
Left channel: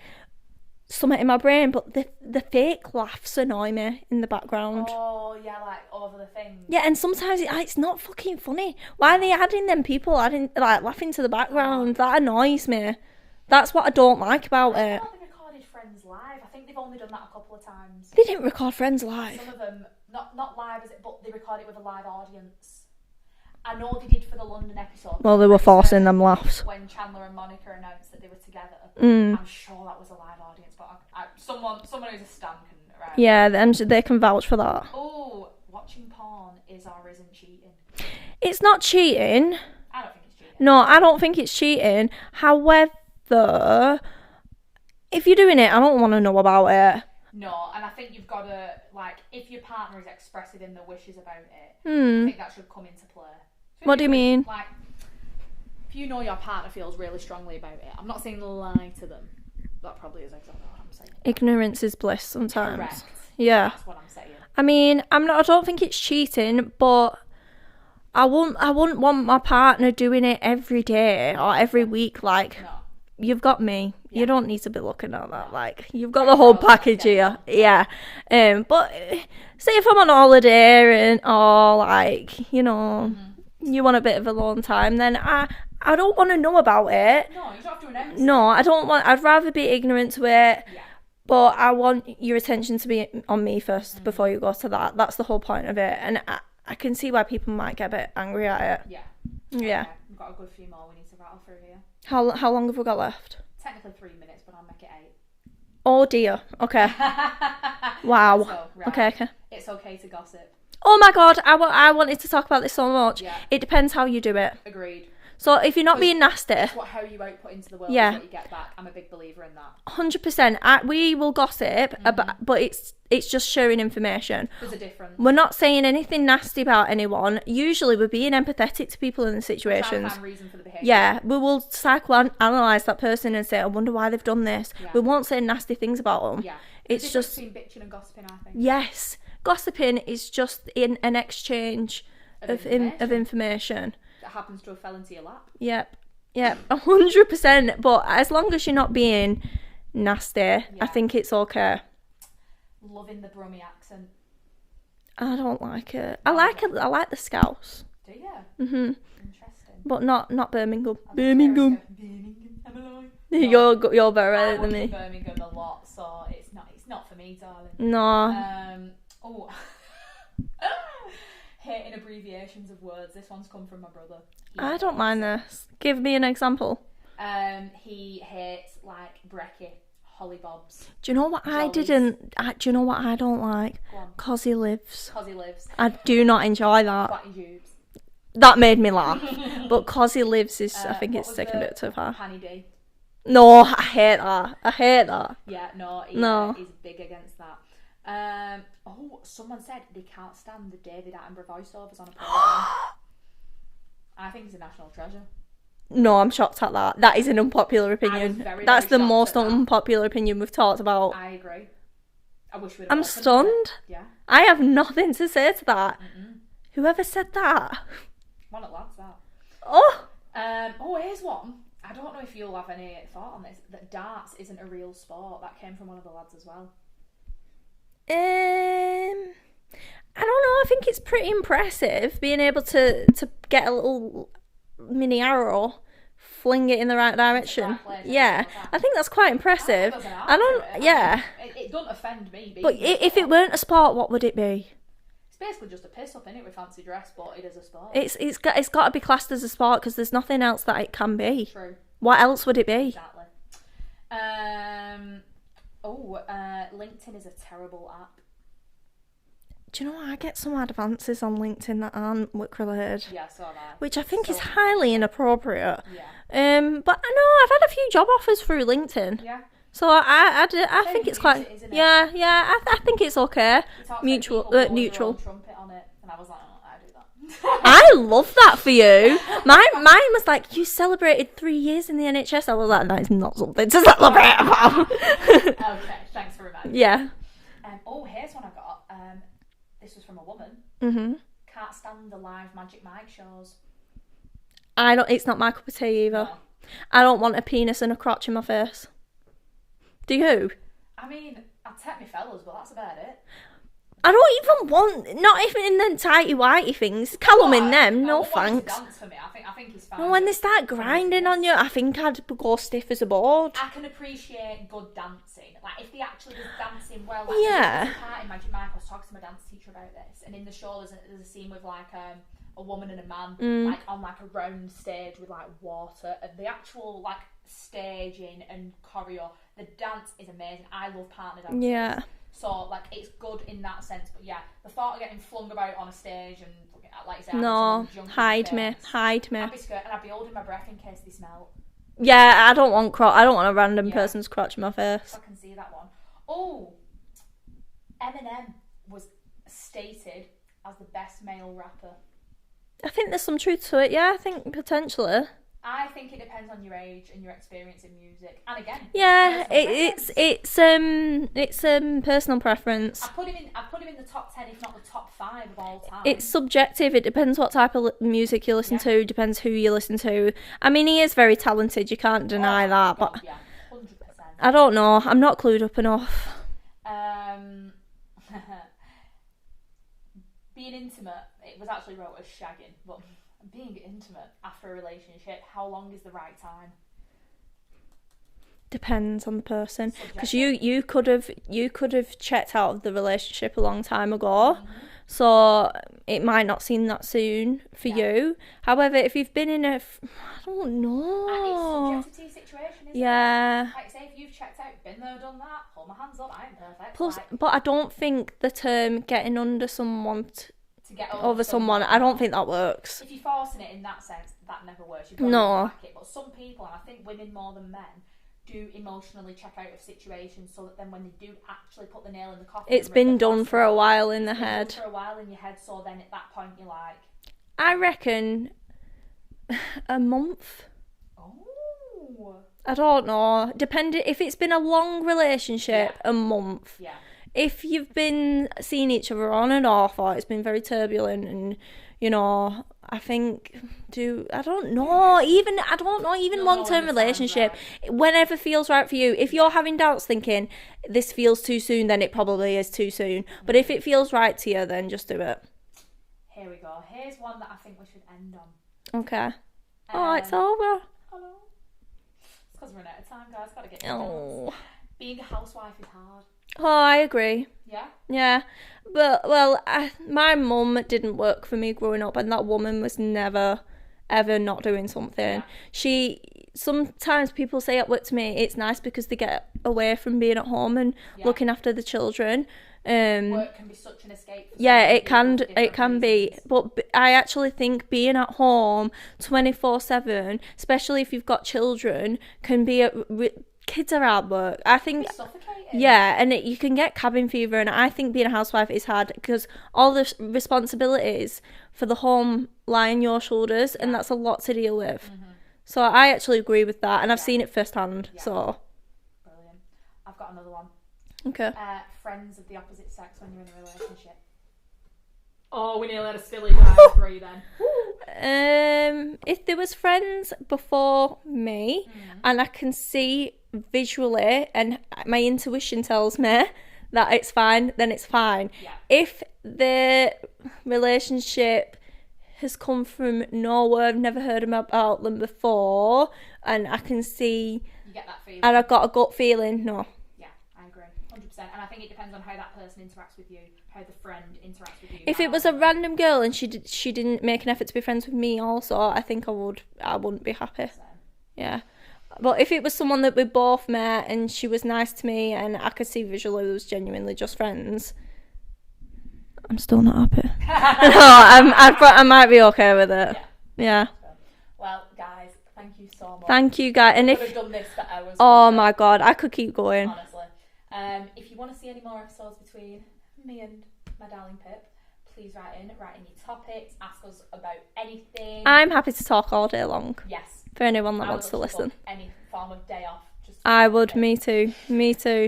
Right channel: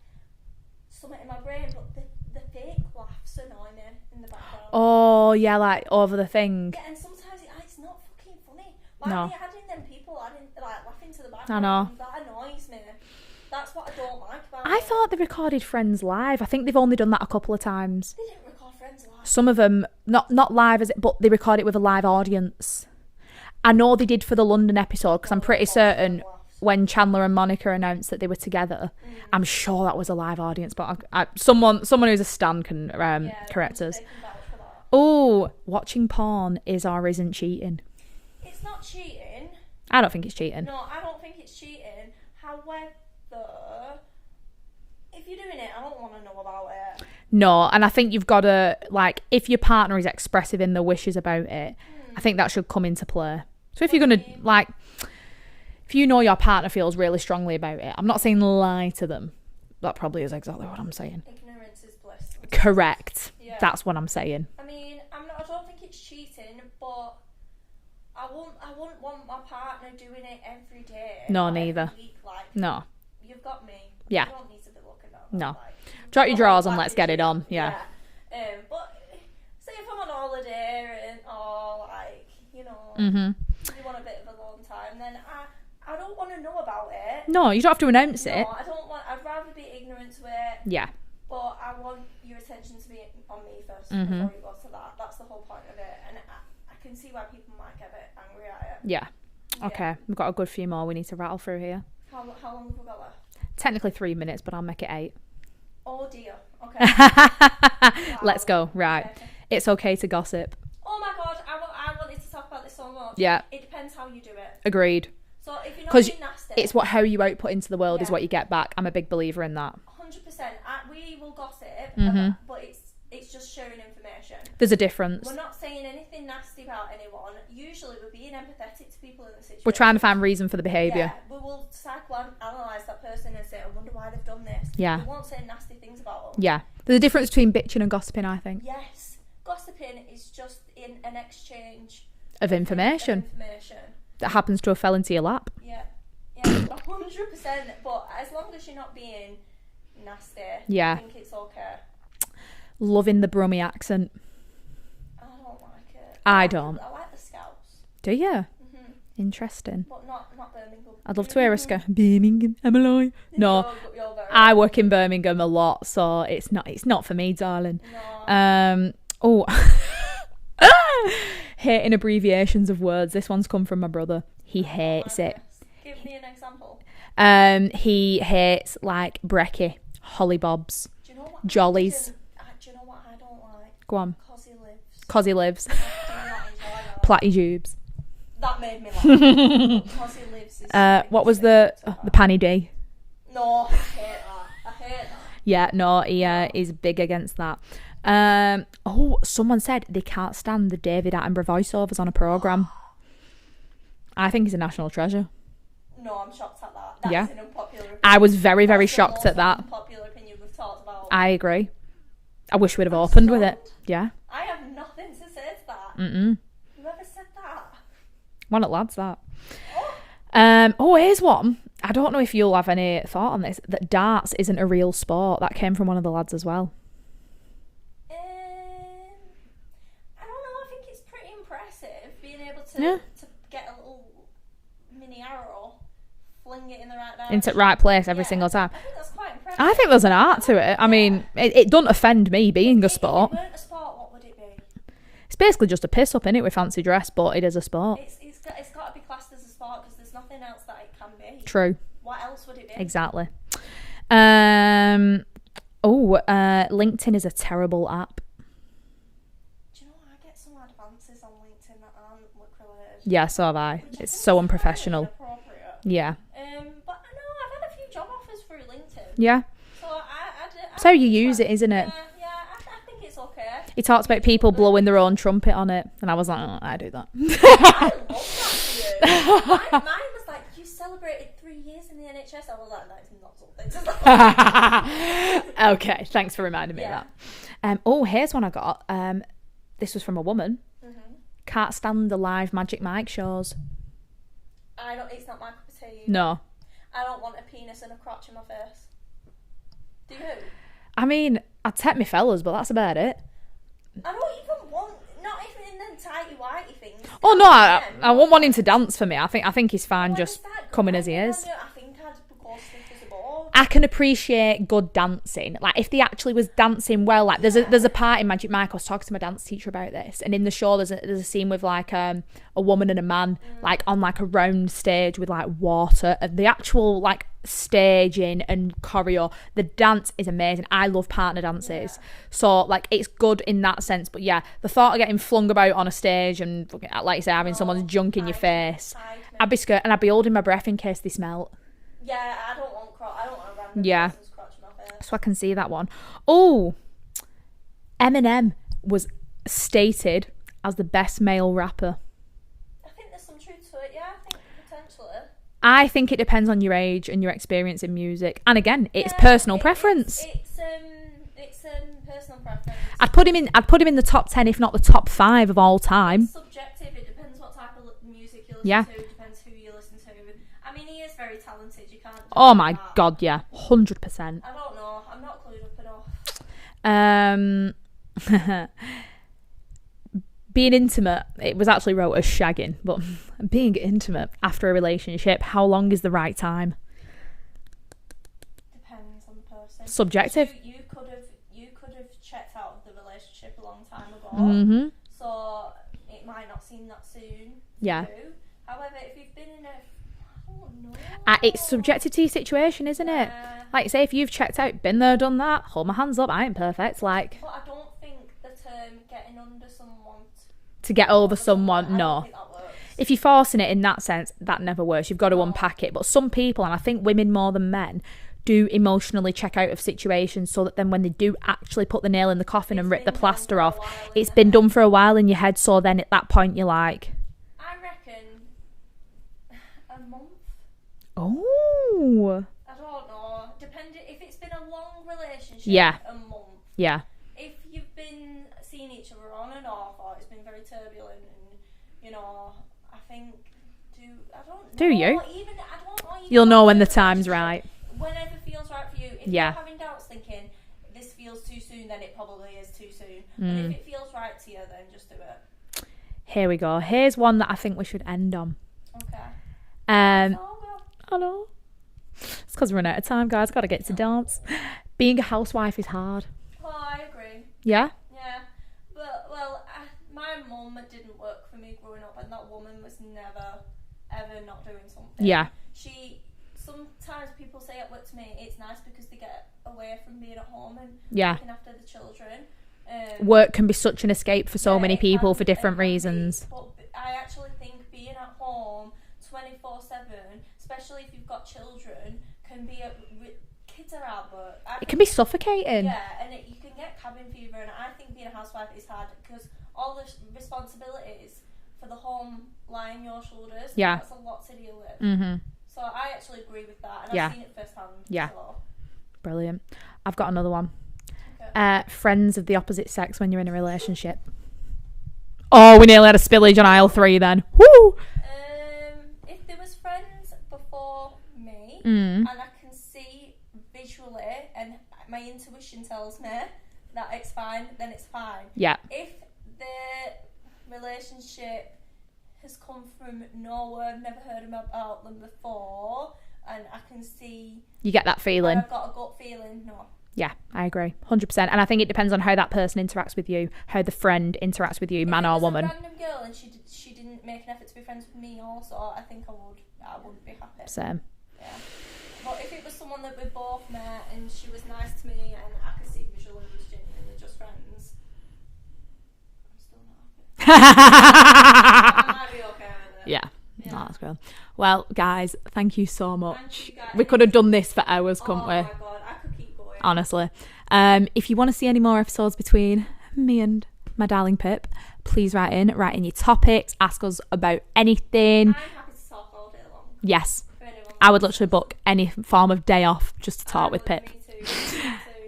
something in my brain, but the fake laughs annoy me in the background. Oh, yeah, like over the thing. Yeah, and sometimes it's not fucking funny. Why are they adding them people laughing to the background? That annoys me. That's what I don't like about it. I thought they recorded Friends live. I think they've only done that a couple of times. They didn't record Friends live. Some of them, not live, but they record it with a live audience. I know they did for the London episode. Well, I'm they were pretty forcing certain them laughs. when Chandler and Monica announced that they were together. I'm sure that was a live audience, but someone who's a stan can. Yeah, and they can vouch for that. Oh, watching porn is or isn't cheating? It's not cheating. I don't think it's cheating. No, I don't think it's cheating. However, if you're doing it, I don't want to know about it. No, and I think you've got to, like, if your partner is expressive in their wishes about it, I think that should come into play. So if What you're do you going mean? to, like, if you know your partner feels really strongly about it, I'm not saying lie to them. That probably is exactly what I'm saying. Ignorance is bliss sometimes. Correct. Yeah. That's what I'm saying. I mean, I don't think it's cheating, but I wouldn't want my partner doing it every day No, or every neither. week. Like, No. you've got me. Yeah. You don't need to be looking at that. No. Like, you've Drop got the your whole drawers and let's package get it here. on. Yeah. But say if I'm on holiday or like, you know, you want a bit of alone time, then I don't want to know about it. No, you don't have to announce it. No, I don't want. I'd rather be ignorant to it. Yeah. But I want your attention to be on me first before you go to that. That's the whole point of it. And I can see why people might get a bit angry at it. Yeah. Yeah. Okay. We've got a good few more we need to rattle through here. How long have we got left? Technically 3 minutes, but I'll make it 8. Oh dear. Okay. Wow. Let's go. Right. Okay. It's okay to gossip. Oh my god, I wanted to talk about this so much. Yeah. It depends how you do it. Agreed. So if you're not 'Cause being nasty, It's how you output into the world Yeah. is what you get back. I'm a big believer in that. 100%. We will gossip, but it's just sharing information. There's a difference. We're not saying anything nasty about anyone. Usually we're being empathetic to people in the situation. We're trying to find reason for the behaviour. Yeah, we will psychoanalyze that person and say, I wonder why they've done this. Yeah. We won't say nasty things about them. Yeah. There's a It's difference just- between bitching and gossiping, I think. Yes. Gossiping is just in an exchange Of information. Of information. That happens to have fell into your lap. Yep. Yeah, 100%. But as long as you're not being nasty, Yeah. I think it's okay. Loving the Brummie accent. I don't like it. I like don't. I like the Scouse. Do you? Mm-hmm. Interesting. But not Birmingham. I'd love to wear a scarf. Birmingham, am I lying? No, You're very I work in Birmingham a lot, so it's not for me, darling. No. Oh, hating abbreviations of words. This one's come from my brother. He I hates don't mind it. this. Give me an example. He hates like brekkie, hollybobs. Do you know what Jollies. do you know what I don't like? Go on. Cause he lives. Cause he lives. I do not enjoy that. Platyjubes. That made me laugh. But cause he lives is I think What it's was sticking a bit the too hard. Panny D? No, I hate that. Yeah, no, he No. is big against that. Someone said they can't stand the David Attenborough voiceovers on a programme. I think he's a national treasure. No, I'm shocked at that. That Yeah. is an unpopular opinion. I was very, very That's the shocked most at that. unpopular opinion we've talked about. I agree. I wish we'd have I'm opened with stunned. it. Yeah. I have nothing to say to that. Whoever said that? One at lads, that. Oh, Here's one. I don't know if you'll have any thought on this, that darts isn't a real sport. That came from one of the lads as well. I don't know. I think it's pretty impressive being able to get a little mini arrow, fling it in the right direction. Into the right place every single time. I think that's quite impressive. I think there's an art to it. I mean, it doesn't offend me being a sport. If it weren't a sport, what would it be? It's basically just a piss up, innit, with fancy dress, but it is a sport. It's got to be classed as a sport because there's nothing else that it can be. True. What else would it be? Exactly. LinkedIn is a terrible app. Do you know what? I get some advances on LinkedIn that aren't work related. Yeah, so have I. Which I It's think so is highly unprofessional. inappropriate. Yeah. But I know I've had a few job offers through LinkedIn. Yeah. So I That's think how you it's use quite, it, isn't it? Yeah, I think it's okay. He talks about people blowing their own trumpet on it, and I was like, I do that. I love that for you. Mine was like, you celebrated 3 years in the NHS. I was like, that is not something to celebrate. Okay, thanks for reminding me. Yeah. Here's one I got. This was from a woman. Mm-hmm. Can't stand the live Magic Mike shows. It's not my cup of tea either. No. I don't want a penis and a crotch in my face. Do you? I mean, I'd take me fellas, but that's about it. I don't even want, not even in them tighty whitey things. Come Come on, in them. I won't want him to dance for me. I think he's fine. When they just start coming as he grinding is. on you, I think I'd go stiff as a board. I can appreciate good dancing. Like, if they actually was dancing well, like there's a part in Magic Mike. I was talking to my dance teacher about this, and in the show there's a scene with like a woman and a man like on like a round stage with like water, and the actual like staging and choreo, the dance is amazing. I love partner dances, so like it's good in that sense. But yeah, the thought of getting flung about on a stage and like you say, having someone's junk in your face, hide me. I'd be scared, and I'd be holding my breath in case they smelt. Yeah, I don't want a random person's crotch in my face. So I can see that one. Oh, Eminem was stated as the best male rapper. I think there's some truth to it. Yeah, I think potentially. I think it depends on your age and your experience in music, and again, it's personal preference. It's personal preference. I'd put him in the top 10, if not the top 5 of all time. It's subjective. It depends what type of music you listen to. Depends who you listen to. I mean, he is very talented. You can't deny that. Oh my god, yeah, 100%. I don't know. I'm not clued up enough. Being intimate, it was actually wrote as shagging, but being intimate after a relationship, how long is the right time? Depends on the person. Subjective. You could have checked out of the relationship a long time ago, so it might not seem that soon for you. However, if you've been in I don't know. It's subjective to your situation, isn't it? Like, say if you've checked out, been there, done that, hold my hands up, I ain't perfect. But I don't think the term getting under someone to get over someone, I don't think that works. If you're forcing it in that sense, that never works. You've got to unpack it. But some people, and I think women more than men, do emotionally check out of situations so that then when they do actually put the nail in the coffin and rip the plaster off, it's been done for a while in your head. So then at that point you're like, I reckon a month. Oh, I don't know. Depending if it's been a long relationship, a month. Yeah. If you've been seeing each other on and off, or it's been very turbulent, and I think I don't know. Do you? Even I don't know. Even you'll know when the time's right. Whenever feels right for you. If you're having doubts, thinking this feels too soon, then it probably is too soon. But if it feels right to you, then just do it. Here we go. Here's one that I think we should end on. Okay. It's over. I know. It's because we're running out of time, guys. Got to get to dance. Being a housewife is hard. Oh, I agree. Yeah? Yeah. But, my mum didn't work for me growing up, and that woman was never, ever not doing something. Yeah. Sometimes people say at work to me, it's nice because they get away from being at home and looking after the children. Work can be such an escape for so many people for different reasons. But I actually think being at home 24/7, especially if you've got children, can be kids are hard work. I think it can be suffocating. Yeah, and you can get cabin fever, and I think being a housewife is hard because all the responsibilities for the home lie on your shoulders, and that's a lot to deal with. So I actually agree with that, and I've seen it firsthand. So brilliant. I've got another one. Okay. Friends of the opposite sex when you're in a relationship. Oh, we nearly had a spillage on aisle 3 then. Woo! If there was friends before me and I can see visually and my intuition tells me that it's fine, then it's fine. Yeah. If the relationship has come from nowhere, I've never heard about them before, and I can see... You get that feeling. And I've got a gut feeling, no. Yeah, I agree. 100%. And I think it depends on how that person interacts with you, how the friend interacts with you, man or woman. If it was a random girl and she didn't make an effort to be friends with me also, I think I wouldn't be happy. Same. Yeah. But if it was someone that we both met and she was nice to me and I could see visually it was genuinely just friends, I'm still not happy. I might be okay with it. Yeah. Yeah. That's cool. Well, guys, thank you so much. Thank you, guys. We could have done this for hours. Oh my God, I could keep going. Honestly. If you want to see any more episodes between me and my darling Pip, please write in your topics, ask us about anything. I'm happy to talk all day long. Yes. For anyone that I would wants literally to listen. book any form of day off just to talk with Pip. Me too.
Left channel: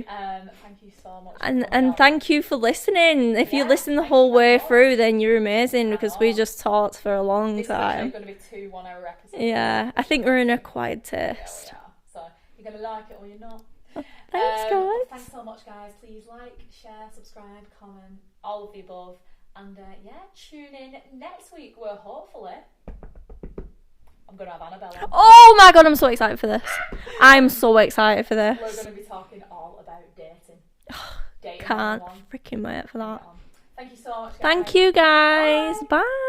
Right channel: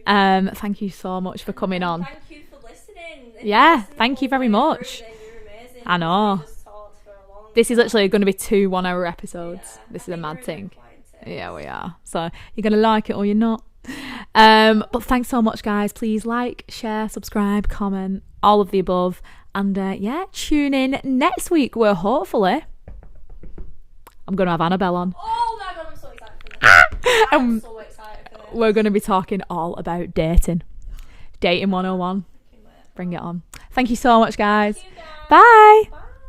Thank you so much for coming on. And thank you for listening. If you listen the thank whole you very way much. through, then you're amazing. I Because we know. just talked for a long This time. is literally going to be 2 1-hour episodes. Yeah, I think we're in a quiet taste. Yeah, we are. So you're going to like it or you're not. But thanks so much, guys. Please like, share, subscribe, comment, all of the above. And tune in next week where hopefully I'm going to have Annabelle on. Oh my God, I'm so excited for this. I'm so excited for this. We're going to be talking all about dating. Dating 101. Freaking wait for Bring that. it on. Thank you so much, guys. Thank you, guys. Bye. Bye.